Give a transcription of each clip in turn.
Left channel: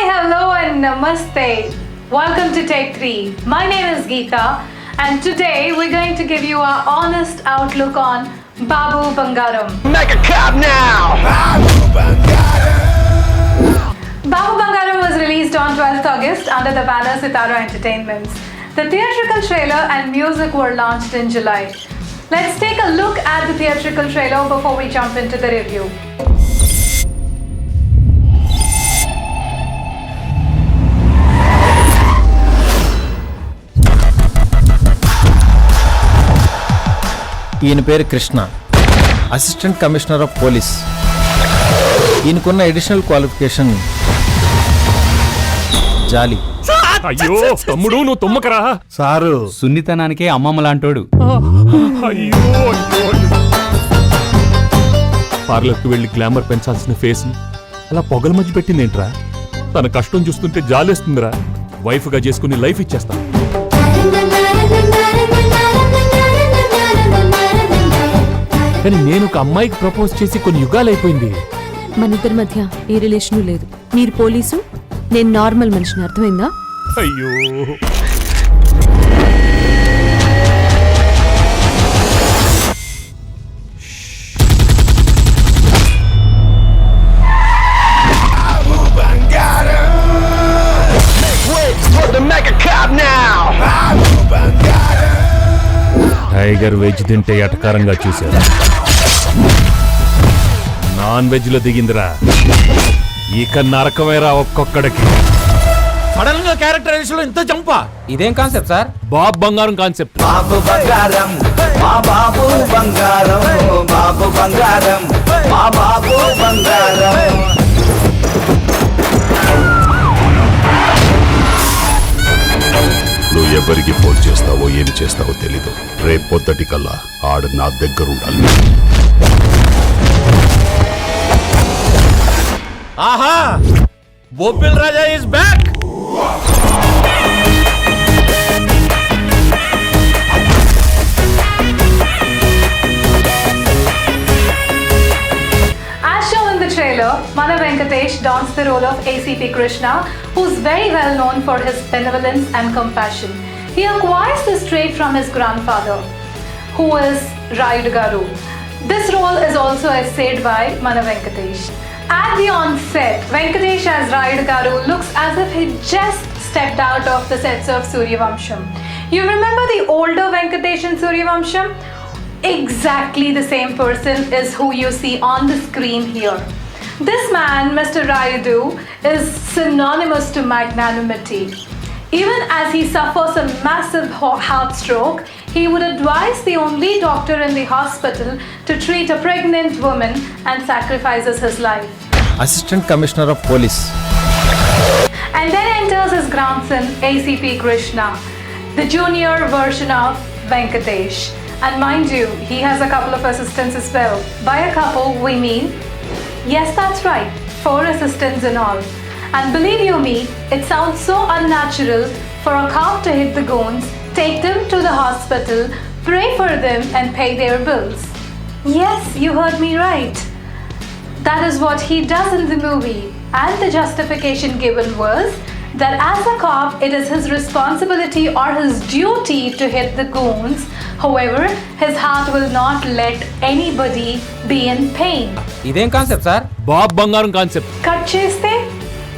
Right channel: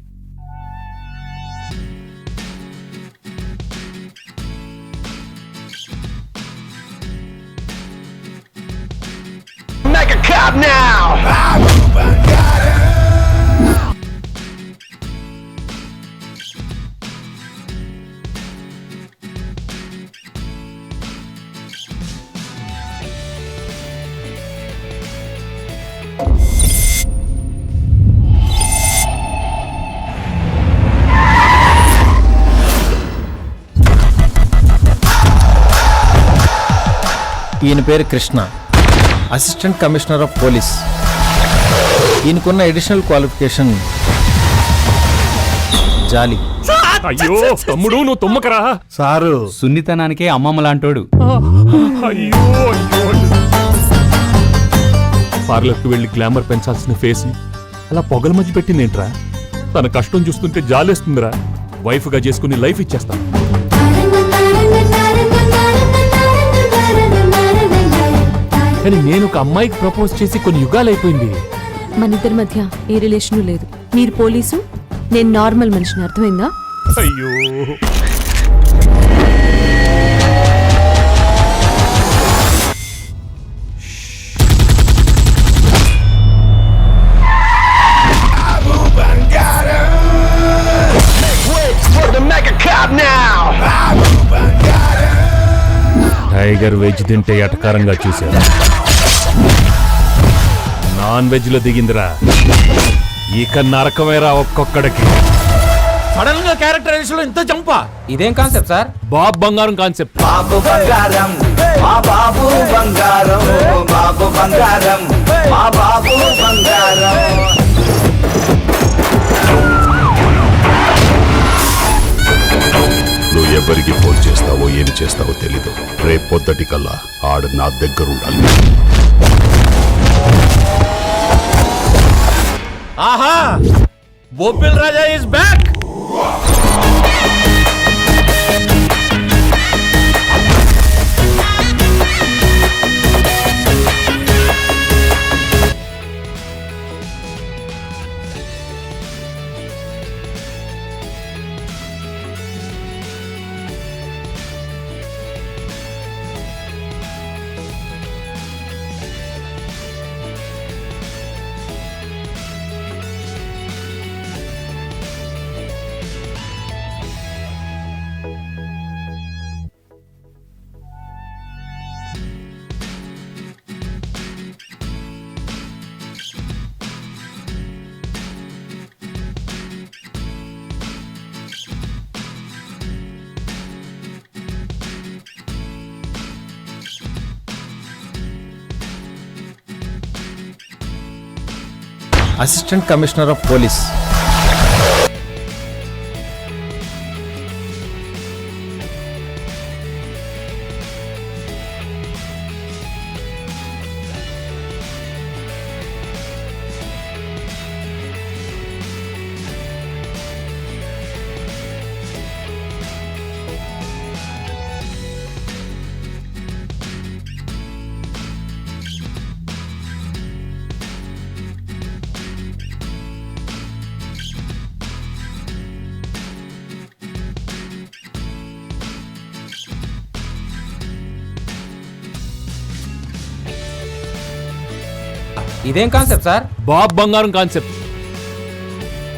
Hello and namaste. Welcome to Take 3. My name is Geeta and today we're going to give you our honest outlook on Babu Bangaram. Make a cop now! Babu Bangaram! Babu Bangaram was released on 12th August under the banner Sitara Entertainments. The theatrical trailer and music were launched in July. Let's take a look at the theatrical trailer before we jump into the review. ఈయన పేరు Krishna, assistant commissioner of police. ఈయనకున్న additional qualification జాలి. అయ్యో తమ్ముడు, నువ్వు తుమ్మకరా sir సున్నితనానికే అమ్మమ్మ లాంటోడు. అయ్యో అయ్యో, పార్లర్కి వెళ్ళి గ్లామర్ పెంచాల్సిన ఫేస్ ని అలా పొగల మధ్య పెట్టిందేంట్రా? తన కష్టం చూస్తుంటే జాలేస్తుందిరా. వైఫ్ గా చేసుకుని లైఫ్ ఇచ్చేస్తా. కానీ నేను ఒక అమ్మాయికి ప్రపోజ్ చేసి కొన్ని యుగాలైపోయింది. మన ఇద్దరి మధ్య ఏ రిలేషను లేదు. మీరు పోలీసు, నేను నార్మల్ మనిషిని, అర్థమైందా? అయ్యో టైగర్ వెజ్ తింటే ఎటకారంగా చూశారు, నాన్ వెజ్ లో దిగిందిరా. ఇక నరకమేరా ఒక్కొక్కడికి. సడన్ గా క్యారెక్టరైజేషన్ లో ఇంత జంప. ఇదేం కాన్సెప్ట్ సార్? బాబు బంగారం కాన్సెప్ట్. బాబు బంగారం, మా బాబు బంగారం, బాబు బంగారం, మా బాబు బంగారం. నువ్వు ఎవరికి ఫోన్ చేస్తావో ఏమి చేస్తావో తెలీదు. రేపు పొద్దుటి కల్లా ఆడు నా దగ్గరుండాలి. ఆహా, Bobbili Raja is back. As shown in the trailer, Mana Venkatesh dons the role of ACP Krishna, who's very well known for his benevolence and compassion. He acquires this trait from his grandfather, who is Rayudu Garu. This role is also essayed by Mana Venkatesh. At the onset, Venkatesh as Rayudu Garu looks as if he just stepped out of the sets of Suryavamsham. You remember the older Venkatesh in Suryavamsham? Exactly the same person is who you see on the screen here. This man, Mr. Rayudu, is synonymous to magnanimity. Even as he suffers a massive heart stroke, he would advise the only doctor in the hospital to treat a pregnant woman and sacrifices his life. Assistant commissioner of police. And then enters his grandson, ACP Krishna, the junior version of Venkatesh. And mind you, he has a couple of assistants as well. By a couple, we mean, yes, that's right, 4 assistants in all. And believe you me, it sounds so unnatural for a cop to hit the goons, take them to the hospital, pray for them and pay their bills. Yes, you heard me right. That is what he does in the movie. And the justification given was that as a cop, it is his responsibility or his duty to hit the goons. However, his heart will not let anybody be in pain. ఇదేం concept sir? బాబు బంగారం concept. Cut cheste,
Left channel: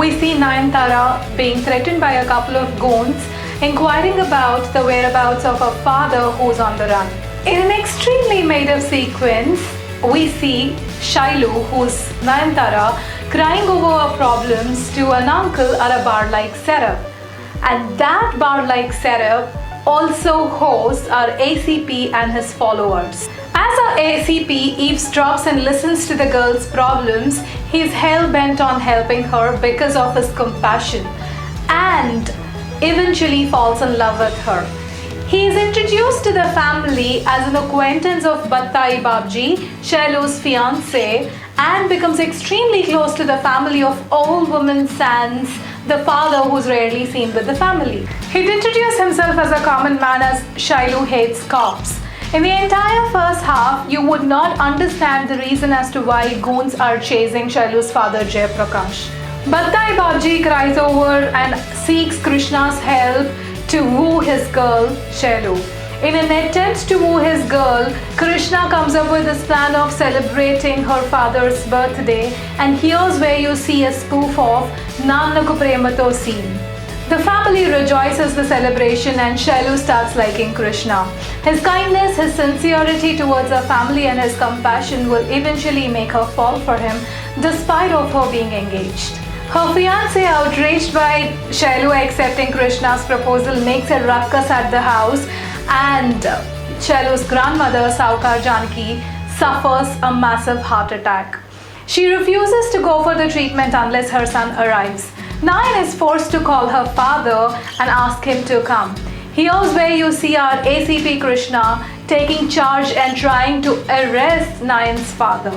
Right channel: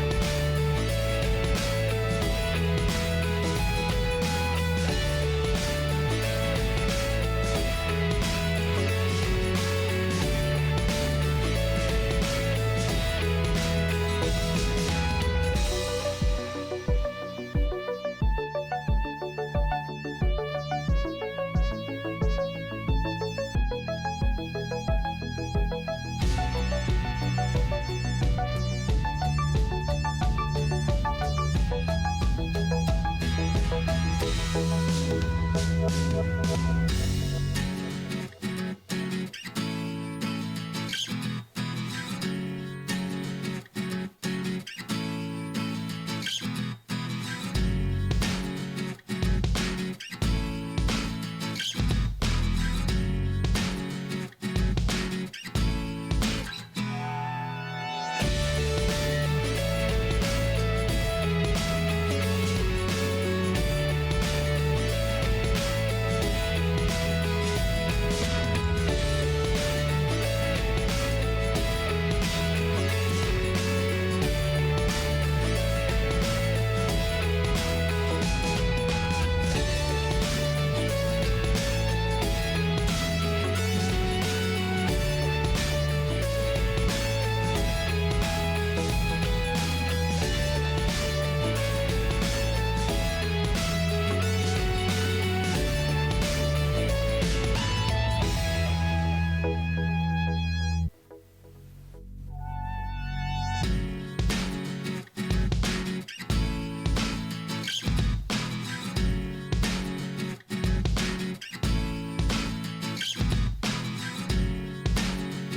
we see Nayanthara being threatened by a couple of goons, inquiring about the whereabouts of her father who's on the run. In an extremely made-up sequence, we see Shailu, who's Nayanthara, crying over her problems to an uncle at a bar like setup. And that bar-like setup also hosts our ACP and his followers. As our ACP eavesdrops and listens to the girl's problems, he's hell-bent on helping her because of his compassion and eventually falls in love with her. He is introduced to the family as an acquaintance of Battai Babji, Shailu's fiancé, and becomes extremely close to the family of old woman Sans, the father who's rarely seen with the family. He'd introduce himself as a common man as Shailu hates cops. In the entire first half, you would not understand the reason as to why goons are chasing Shailu's father Jay Prakash. Battai Babji cries over and seeks Krishna's help to woo his girl, Shailu. In an attempt to woo his girl, Krishna comes up with this plan of celebrating her father's birthday, and here's where you see a spoof of Nannaku Premato scene. The family rejoices the celebration and Shailu starts liking Krishna. His kindness, his sincerity towards her family and his compassion will eventually make her fall for him despite of her being engaged. Her fiancé, outraged by Shailu accepting Krishna's proposal, makes a ruckus at the house, and Shailu's grandmother, Saukar Janki, suffers a massive heart attack. She refuses to go for the treatment unless her son arrives. Nayan is forced to call her father and ask him to come. Here's where you see our ACP Krishna taking charge and trying to arrest Nayan's father.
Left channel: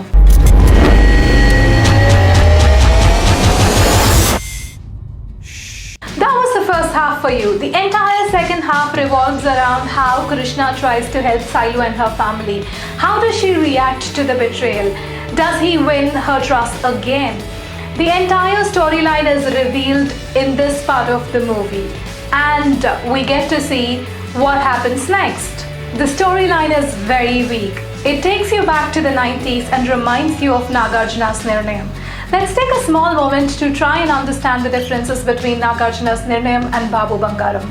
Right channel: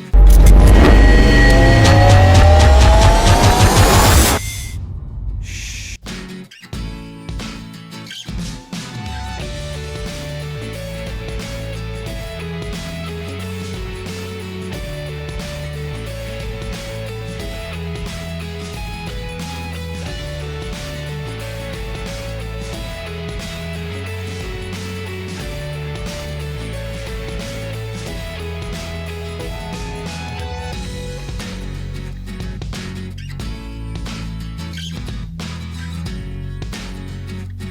That was the first half for you. The entire second half revolves around how Krishna tries to help Sailu and her family. How does she react to the betrayal? Does he win her trust again? The entire storyline is revealed in this part of the movie, and we get to see what happens next. The storyline is very weak. It takes you back to the 90s and reminds you of Nagarjuna's Nirnayam. Let's take a small moment to try and understand the differences between Nagarjuna's Nirnayam and Babu Bangaram.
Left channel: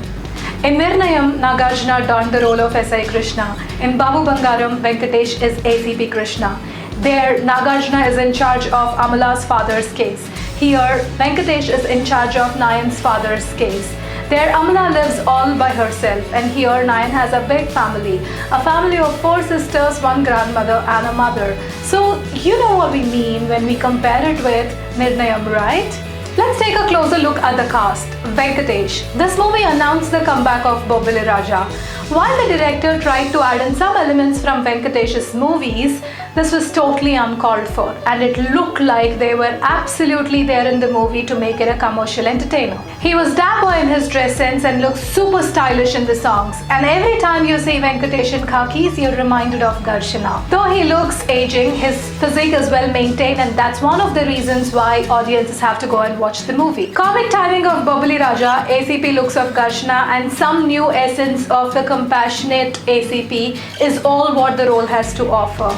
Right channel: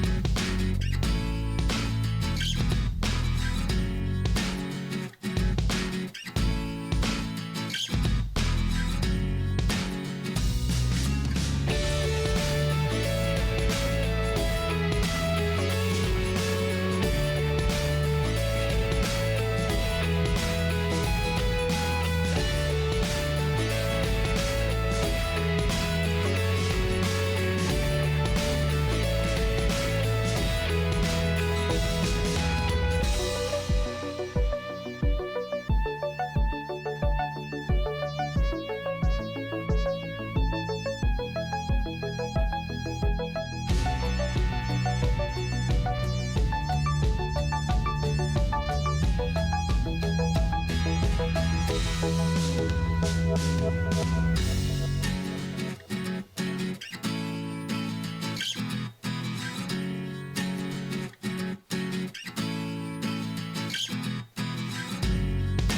In Nirnayam, Nagarjuna donned the role of S.I. Krishna. In Babu Bangaram, Venkatesh is ACP Krishna. There, Nagarjuna is in charge of Amala's father's case. Here, Venkatesh is in charge of Nayan's father's case. There, Amala lives all by herself, and here Nayan has a big family. A family of 4 sisters, 1 grandmother and a mother. So, you know what we mean when we compare it with Nirnayam, right? Let's take a closer look at the cast. Venkatesh. This movie announced the comeback of Bobbili Raja. While the director tried to add in some elements from Venkatesh's movies, this was totally uncalled for, and it looked like they were absolutely there in the movie to make it a commercial entertainer. He was dapper in his dress sense and looked super stylish in the songs, and every time you see Venkatesh in khakis, you're reminded of Garshana. Though he looks aging, his physique is well maintained, and that's one of the reasons why audiences have to go and watch the movie. Comic timing of Bobbili Raja, ACP looks of Garshana, and some new essence of the compassionate ACP is all what the role has to offer.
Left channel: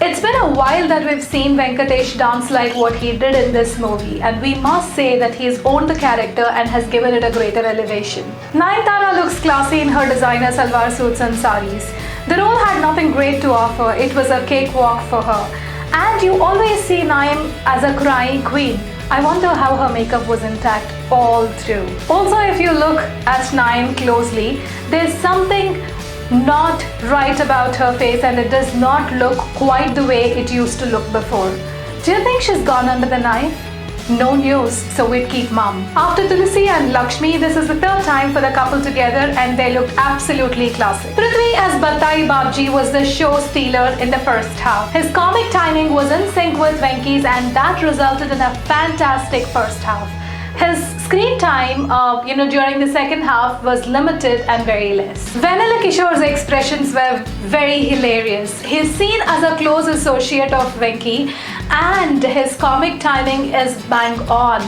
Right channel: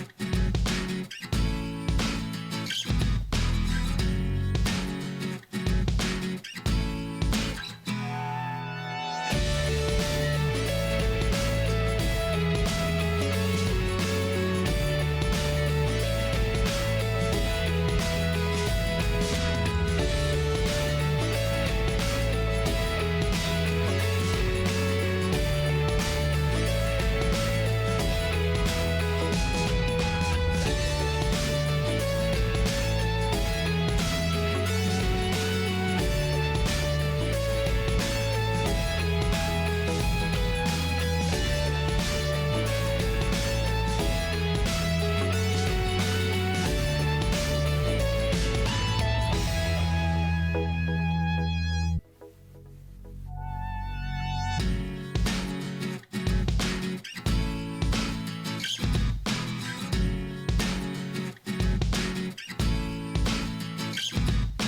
It's been a while that we've seen Venkatesh dance like what he did in this movie, and we must say that he's owned the character and has given it a greater elevation. Nayanthara looks classy in her designer salwar suits and saris. The role had nothing great to offer, it was a cakewalk for her. And you always see Nayan as a crying queen. I wonder how her makeup was intact all through. Also, if you look at Nayan closely, there's something not right about her face, and it does not look quite the way it used to look before. Do you think she's gone under the knife? No news, so we'd keep mum. After Tulsi and Lakshmi, this is the 3rd time for the couple together, and they look absolutely classic. Prithvi as Battai Babji was the show stealer in the first half. His comic timing was in sync with Venki's, and that resulted in a fantastic first half. His screen time, during the second half was limited and very less. Vanilla Kishore's expressions were very hilarious. He's seen as a close associate of Venki, and his comic timing is bang on.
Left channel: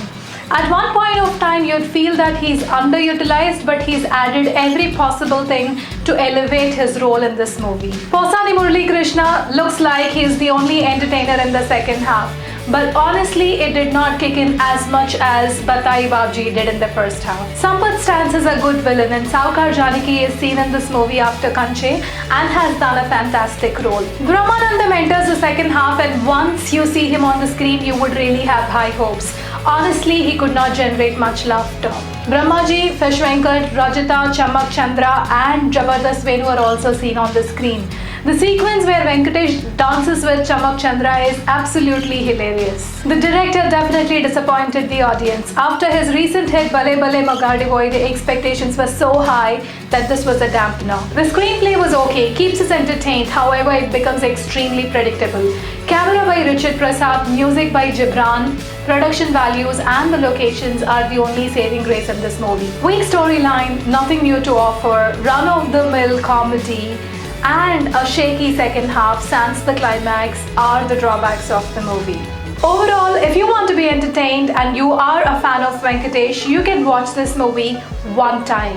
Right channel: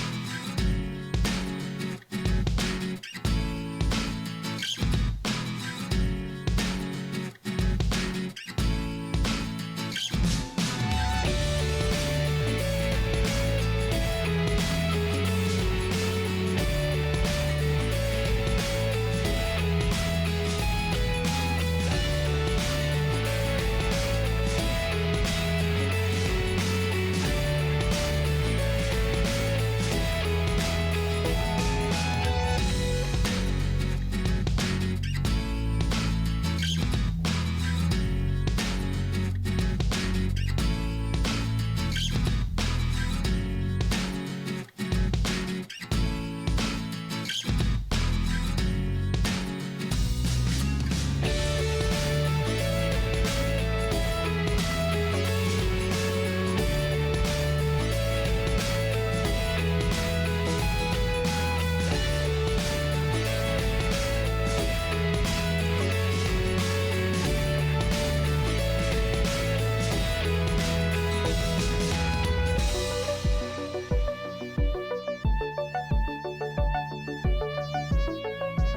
At one point of time, you'd feel that he's underutilized, but he's added every possible thing to elevate his role in this movie. Posani Murali Krishna looks like he's the only entertainer in the second half. But honestly, it did not kick in as much as Battai Babji did in the first half. Sampath stands as a good villain, and Saukar Janaki is seen in this movie after Kanche and has done a fantastic role. Brahmanandam enters the second half, and once you see him on the screen, you would really have high hopes. Honestly, he could not generate much laughter. Brahmaji, Fish Venkat, Rajita, Chamak Chandra and Jabardast Venu are also seen on the screen. The sequence where Venkatesh dances with Chamak Chandra is absolutely hilarious. The director definitely disappointed the audience. After his recent hit Bale Bale Magadi Hoy, the expectations were so high that this was a dampener. The screenplay was okay, keeps us entertained, however it becomes extremely predictable. Camera by Richard Prasad, music by Gibran, production values and the locations are the only saving grace in this movie. Weak storyline, nothing new to offer, run-of-the-mill comedy, and a shaky second half sans the climax are the drawbacks of the movie. Overall, if you want to be entertained and you are a fan of Venkatesh, you can watch this movie one time.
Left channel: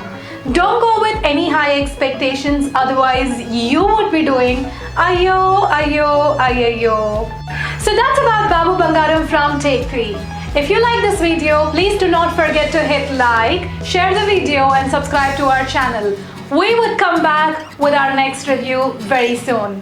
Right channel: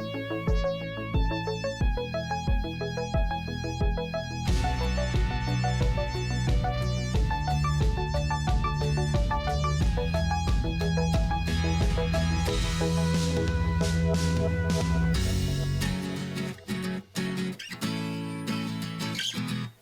Don't go with any high expectations, otherwise you would be doing ayo, ayo, ayo. So that's about Babu Bangaram from Take 3. If you like this video, please do not forget to hit like, share the video and subscribe to our channel. We would come back with our next review very soon.